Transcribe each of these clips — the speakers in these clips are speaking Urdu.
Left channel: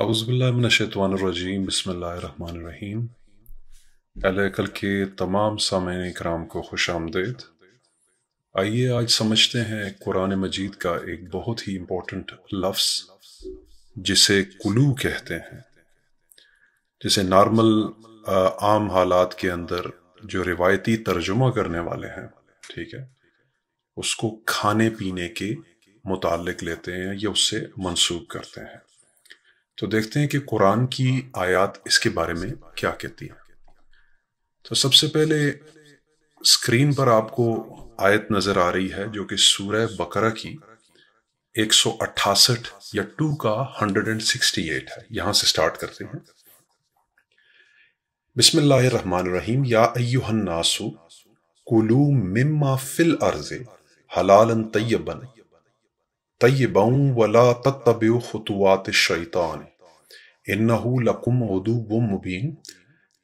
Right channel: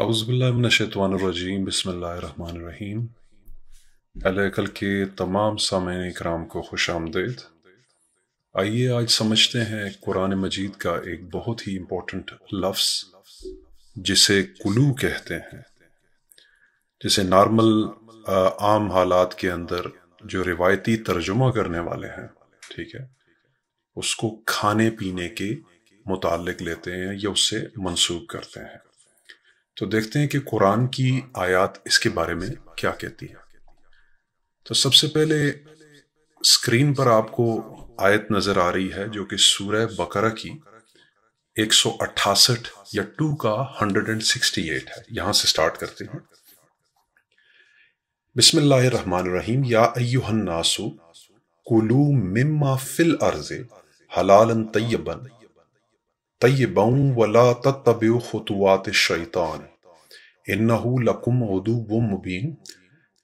اعوذ باللہ من الشیطان الرجیم بسم اللہ الرحمن الرحیم۔ اہل عقل کے تمام سامعین اکرام کو خوش آمدید۔ آئیے آج سمجھتے ہیں قرآن مجید کا ایک بہت ہی امپورٹنٹ لفظ جسے قلوع کہتے ہیں۔ جسے نارمل عام حالات کے اندر جو روایتی ترجمہ کرنے والے ہیں، ٹھیک ہے، اس کو کھانے پینے کے متعلق لیتے ہیں یا اس سے منسوب کرتے ہیں۔ تو دیکھتے ہیں کہ قرآن کی آیات اس کے بارے میں کیا کہتی ہیں۔ تو سب سے پہلے اسکرین پر آپ کو آیت نظر آ رہی ہے جو کہ سورہ بقرہ کی 168 یا 2 کا 168 ہے۔ یہاں سے سٹارٹ کرتے ہیں۔ بسم اللہ الرحمن الرحیم۔ یا ایہا الناس کلوا مما فی الارض حلالا طیبا ولا تتبعوا خطوات الشیطان انہ لکم عدو مبین۔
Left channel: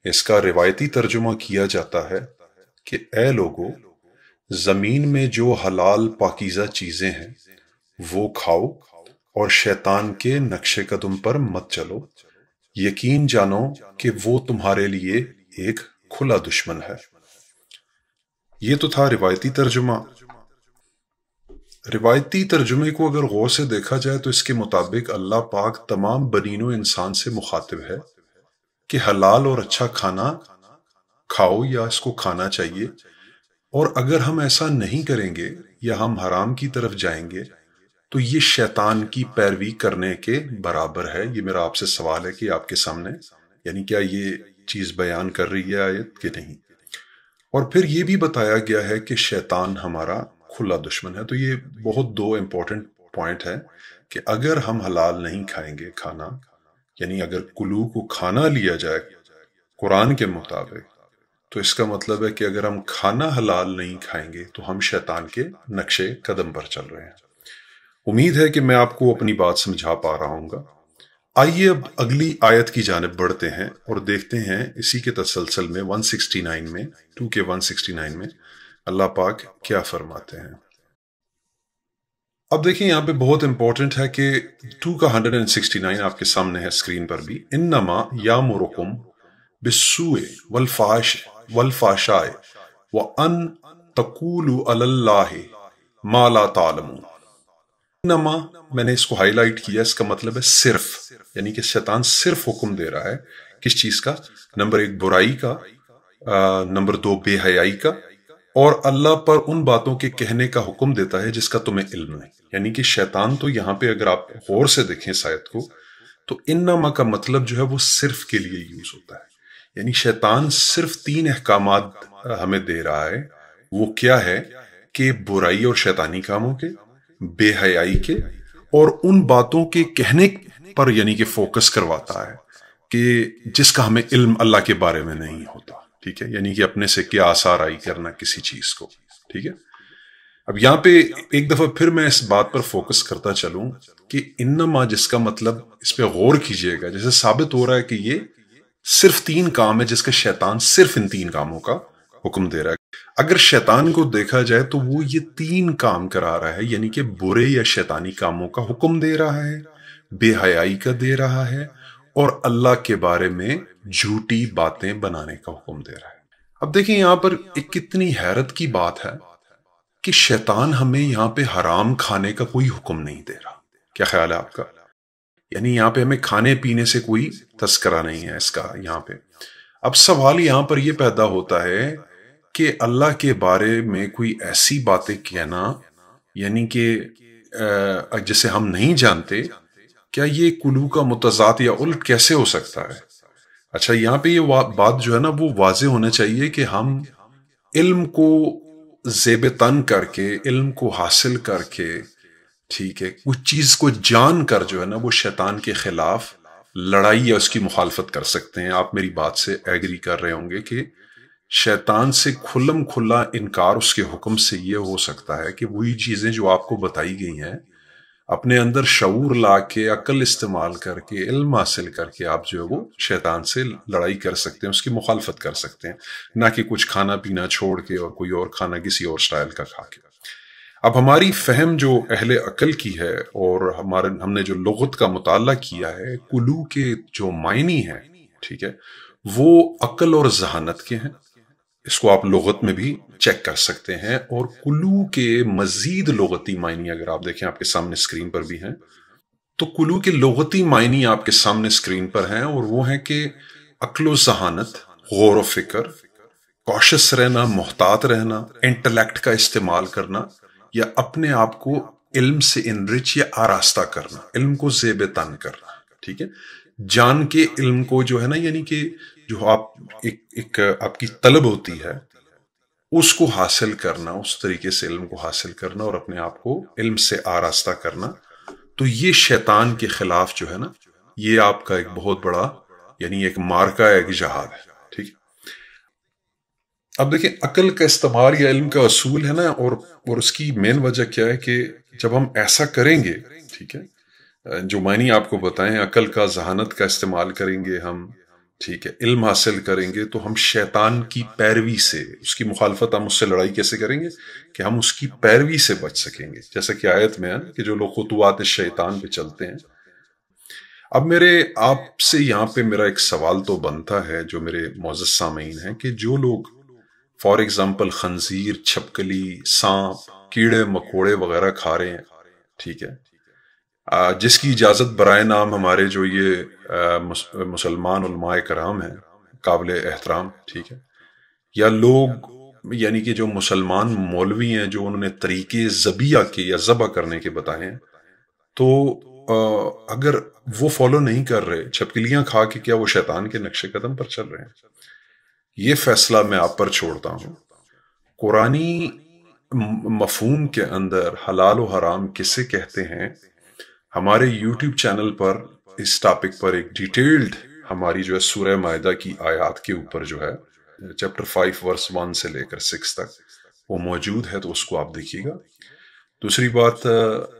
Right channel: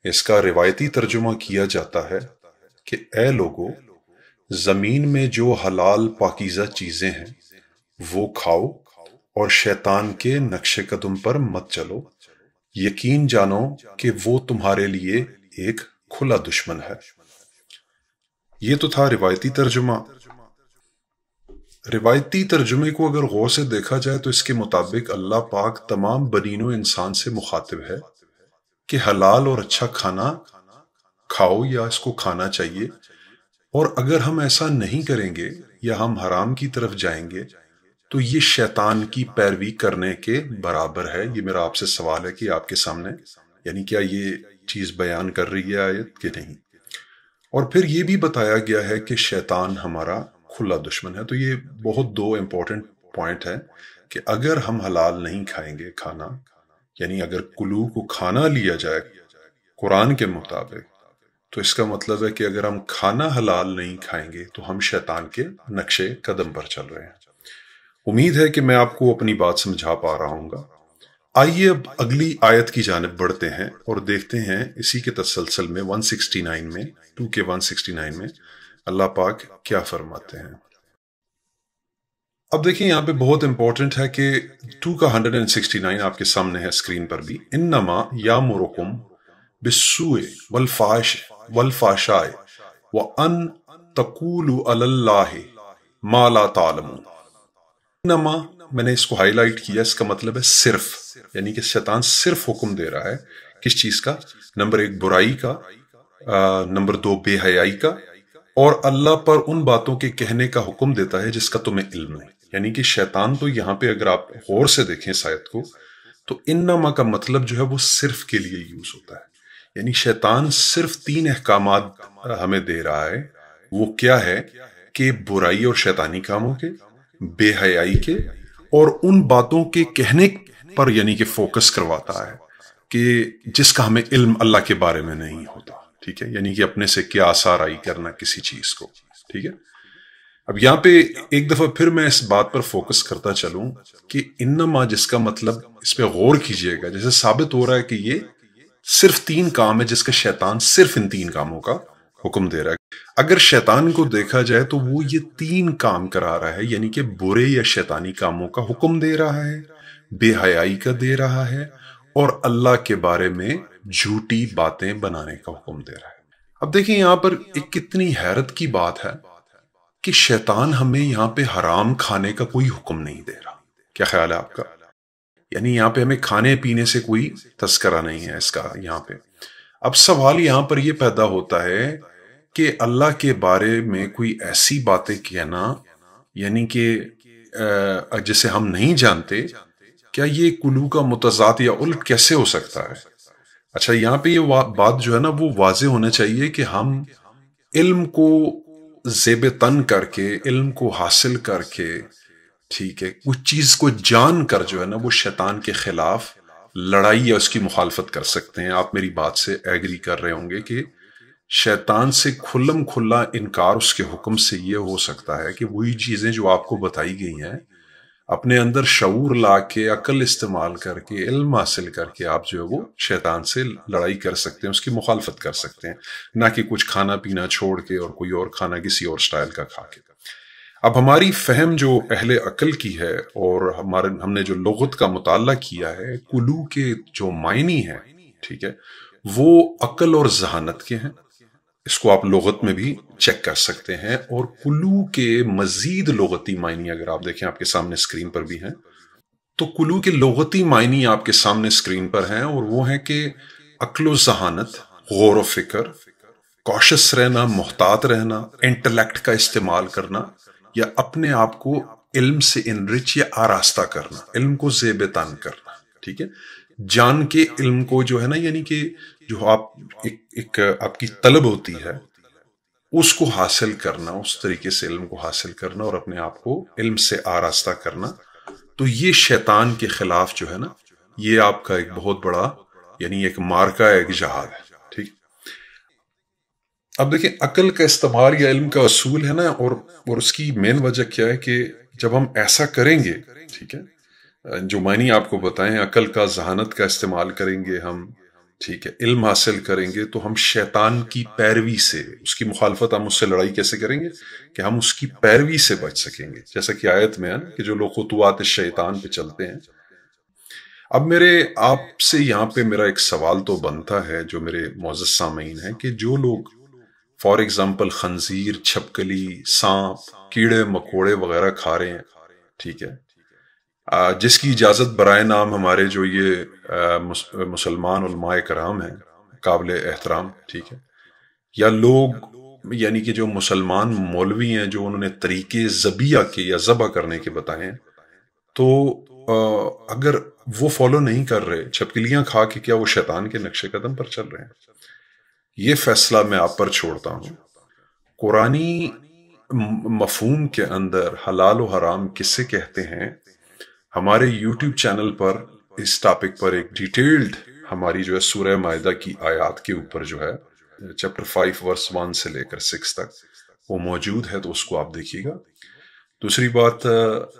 اس کا روایتی ترجمہ کیا جاتا ہے کہ اے لوگو، زمین میں جو حلال پاکیزہ چیزیں ہیں وہ کھاؤ اور شیطان کے نقش قدم پر مت چلو، یقین جانو کہ وہ تمہارے لیے ایک کھلا دشمن ہے۔ یہ تو تھا روایتی ترجمہ۔ روایتی ترجمے کو اگر غور سے دیکھا جائے تو اس کے مطابق اللہ پاک تمام بنین و انسان سے مخاطب ہے کہ حلال اور اچھا کھانا کھاؤ یا اس کو کھانا چاہیے، اور اگر ہم ایسا نہیں کریں گے یا ہم حرام کی طرف جائیں گے تو یہ شیطان کی پیروی کرنے کے برابر ہے۔ یہ میرا آپ سے سوال ہے کہ آپ کے سامنے، یعنی کیا یہ چیز بیان کر رہی ہے آیت کہ نہیں؟ اور پھر یہ بھی بتایا گیا ہے کہ شیطان ہمارا کھلا دشمن ہے۔ تو یہ بہت دو امپورٹنٹ پوائنٹ ہے کہ اگر ہم حلال نہیں کھائیں گے کھانا، یعنی اگر قلوع کو کھانا لیا جائے قرآن کے مطابق، تو اس کا مطلب ہے کہ اگر ہم کھانا حلال نہیں کھائیں گے تو ہم شیطان کے نقش قدم پر چل رہے ہیں۔ امید ہے کہ میں آپ کو اپنی بات سمجھا پا رہا ہوں گا۔ آئیے اب اگلی آیت کی جانب بڑھتے ہیں اور دیکھتے ہیں اسی کے تسلسل میں 169 میں 2 کے 169 میں اللہ پاک کیا فرماتے ہیں۔ اب دیکھیں یہاں پہ بہت امپورٹنٹ ہے کہ 2 کا 169 آپ کے سامنے ہے اسکرین پر بھی۔ انما یامرکم بالسوء والفحشاء وان تقولوا علی اللہ ما لا تعلمون۔ انما، میں نے اس کو ہائی لائٹ کیا، اس کا مطلب ہے صرف، یعنی کہ شیطان صرف حکم دے رہا ہے کس چیز کا؟ نمبر 1 برائی کا، نمبر 2 بے حیائی کا، اور اللہ پر ان باتوں کے کہنے کا حکم دیتا ہے جس کا تمہیں علم ہے۔ یعنی کہ شیطان تو یہاں پہ اگر آپ غور سے دیکھیں اس آیت کو تو انما کا مطلب جو ہے وہ صرف کے لیے یوز ہوتا ہے۔ یعنی شیطان صرف 3 احکامات ہمیں دے رہا ہے۔ وہ کیا ہے کہ برائی اور شیطانی کاموں کے، بے حیائی کے، اور ان باتوں کے کہنے پر یعنی کہ فوکس کرواتا ہے کہ جس کا ہمیں علم اللہ کے بارے میں نہیں ہوتا، ٹھیک ہے، یعنی کہ اپنے سے کیا آسرائی کرنا کسی چیز کو، ٹھیک ہے۔ اب یہاں پہ ایک دفعہ پھر میں اس بات پر فوکس کرتا چلوں کہ انما جس کا مطلب، اس پہ غور کیجئے گا، جیسے ثابت ہو رہا ہے کہ یہ صرف 3 کام ہے جس کا شیطان صرف ان 3 کاموں کا حکم دے رہا ہے۔ اگر شیطان کو دیکھا جائے تو وہ یہ 3 کام کرا رہا ہے، یعنی کہ برے یا شیطانی کاموں کا حکم دے رہا ہے، بے حیائی کا دے رہا ہے، اور اللہ کے بارے میں جھوٹی باتیں بنانے کا حکم دے رہا ہے۔ اب دیکھیں یہاں پر ایک کتنی حیرت کی بات ہے کہ شیطان ہمیں یہاں پہ حرام کھانے کا کوئی حکم نہیں دے رہا۔ کیا خیال ہے آپ کا؟ یعنی یہاں پہ ہمیں کھانے پینے سے کوئی تذکرہ نہیں ہے اس کا یہاں پہ۔ اب سوال یہاں پر یہ پیدا ہوتا ہے کہ اللہ کے بارے میں کوئی ایسی باتیں کہنا، یعنی کہ جسے ہم نہیں جانتے، کیا یہ قلوع کا متضاد یا الٹ کیسے ہو سکتا ہے؟ اچھا، یہاں پہ یہ بات جو ہے نا وہ واضح ہونا چاہیے کہ ہم علم کو زیب تن کر کے، علم کو حاصل کر کے، ٹھیک ہے، کچھ چیز کو جان کر جو ہے نا وہ شیطان کے خلاف لڑائی یا اس کی مخالفت کر سکتے ہیں۔ آپ میری بات سے ایگری کر رہے ہوں گے کہ شیطان سے کھلم کھلا انکار اس کے حکم سے یہ ہو سکتا ہے کہ وہی چیزیں جو آپ کو بتائی گئی ہیں اپنے اندر شعور لا کے، عقل استعمال کر کے، علم حاصل کر کے آپ جو ہے وہ شیطان سے لڑائی کر سکتے ہیں، اس کی مخالفت کر سکتے ہیں، نہ کہ کچھ کھانا پینا چھوڑ کے اور کوئی اور کھانا کسی اور سٹائل کا کھا کے۔ اب ہماری فہم جو اہل عقل کی ہے اور ہم نے جو لغت کا مطالعہ کیا ہے، کلو کے جو معنی ہیں، ٹھیک ہے، وہ عقل اور ذہانت کے ہیں. اس کو آپ لغت میں بھی چیک کر سکتے ہیں. اور کلو کے مزید لغتی معنی اگر آپ دیکھیں، آپ کے سامنے اسکرین پر بھی ہیں، تو کلو کے لغتی معنی آپ کے سامنے اسکرین پر ہیں، اور وہ ہے کہ عقل و ذہانت، غور و فکر، کوشش رہنا، محتاط رہنا، انٹلیکٹ کا استعمال کرنا، یا اپنے آپ کو علم سے انرچ یا آراستہ کرنا، علم کو زیب تن کرنا. ٹھیک ہے، جان کے علم کو جو ہے نا، یعنی کہ جو ایک آپ کی طلب ہوتی ہے، اس کو حاصل کرنا، اس طریقے سے علم کو حاصل کرنا اور اپنے آپ کو علم سے آراستہ کرنا. تو یہ شیطان کے خلاف جو ہے نا، یہ آپ کا ایک بہت بڑا، یعنی ایک مارکہ ہے، ایک جہاد ہے. ٹھیک ہے، اب دیکھیں عقل کا استعمال یا علم کا اصول ہے نا، اور اس کی مین وجہ کیا ہے کہ جب ہم ایسا کریں گے، ٹھیک ہے، جو معنی آپ کو بتائیں، عقل کا، ذہانت کا استعمال کریں گے ہم، ٹھیک ہے، علم حاصل کریں گے، تو ہم شیطان کی پیروی سے، اس کی مخالفت، ہم اس سے لڑائی کیسے کریں گے کہ ہم اس کی پیروی سے بچ سکیں گے. جیسا کہ آیت میں ہے نا کہ جو لوگ خطوات شیطان پہ چلتے ہیں. اب آپ سے یہاں پہ میرا ایک سوال تو بنتا ہے، جو میرے معزز سامعین ہیں، کہ جو لوگ فار ایگزامپل خنزیر، چھپکلی، سانپ، کیڑے مکوڑے وغیرہ کھا رہے ہیں، ٹھیک ہے، جس کی اجازت برائے نام ہمارے جو یہ مسلمان علماء کرام ہیں، قابل احترام، ٹھیک ہے، یا لوگ یعنی کہ جو مسلمان مولوی ہیں، جو انہوں نے طریقے ذبیح کے یا ذبح کرنے کے بتائے ہیں، تو اگر وہ فالو نہیں کر رہے، چھپکلیاں کھا کے، کیا وہ شیطان کے نقش قدم پر چل رہے ہیں؟ یہ فیصلہ میں آپ پر چھوڑتا ہوں. قرآنی مفہوم کے اندر حلال و حرام کسے کہتے ہیں، ہمارے یوٹیوب چینل پر اس ٹاپک پر ایک ڈیٹیلڈ ہماری جو ہے سورہ مائدہ کی آیات کے اوپر جو ہے چیپٹر 5 ورس 1 سے لے کر 6 تک وہ موجود ہے، تو اس کو آپ دیکھیے گا. دوسری بات،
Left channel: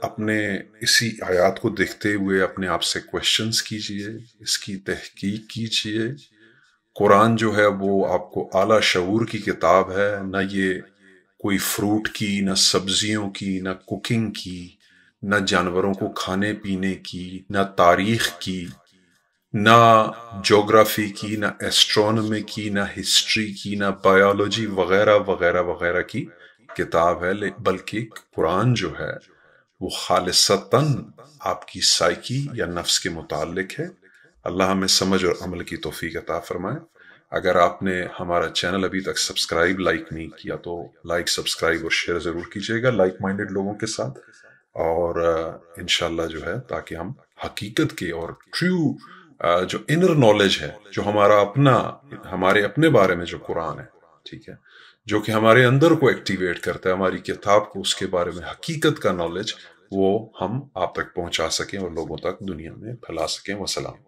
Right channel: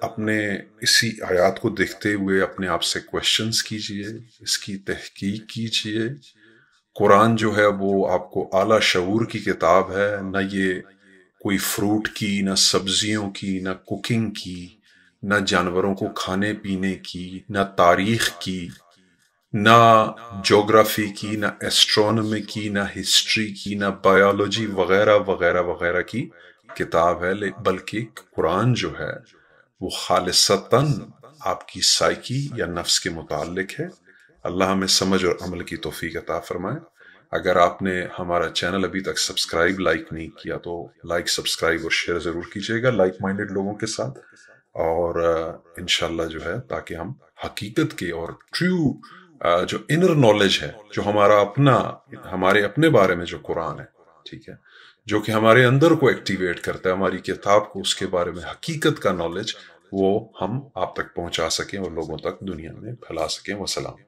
اپنے اسی آیات کو دیکھتے ہوئے اپنے آپ سے کوشچنز کیجئے، اس کی تحقیق کیجئے. قرآن جو ہے وہ آپ کو اعلیٰ شعور کی کتاب ہے، نہ یہ کوئی فروٹ کی، نہ سبزیوں کی، نہ کوکنگ کی، نہ جانوروں کو کھانے پینے کی، نہ تاریخ کی، نہ جغرافی کی، نہ ایسٹرونومی کی، نہ ہسٹری کی، نہ بایولوجی وغیرہ وغیرہ وغیرہ کی کتاب ہے. بلکہ قرآن جو ہے وہ خالصتاً آپ کی سائیکی یا نفس کے متعلق ہے. اللہ ہمیں سمجھ اور عمل کی توفیق عطا فرمائے. اگر آپ نے ہمارا چینل ابھی تک سبسکرائب، لائک نہیں کیا، تو لائک، سبسکرائب اور شیئر ضرور کیجیے گا لائک مائنڈڈ لوگوں کے ساتھ. اور انشاءاللہ جو ہے، تاکہ ہم حقیقت کے اور ٹریو جو انر نالج ہے، جو ہمارے اپنے بارے میں جو قرآن ہے، ٹھیک ہے، جو کہ ہمارے اندر کو ایکٹیویٹ کرتا ہے، ہماری کتاب کو، اس کے بارے میں حقیقت کا نالج، وہ ہم آپ تک پہنچا سکیں اور لوگوں تک دنیا میں پھیلا سکیں. والسلام.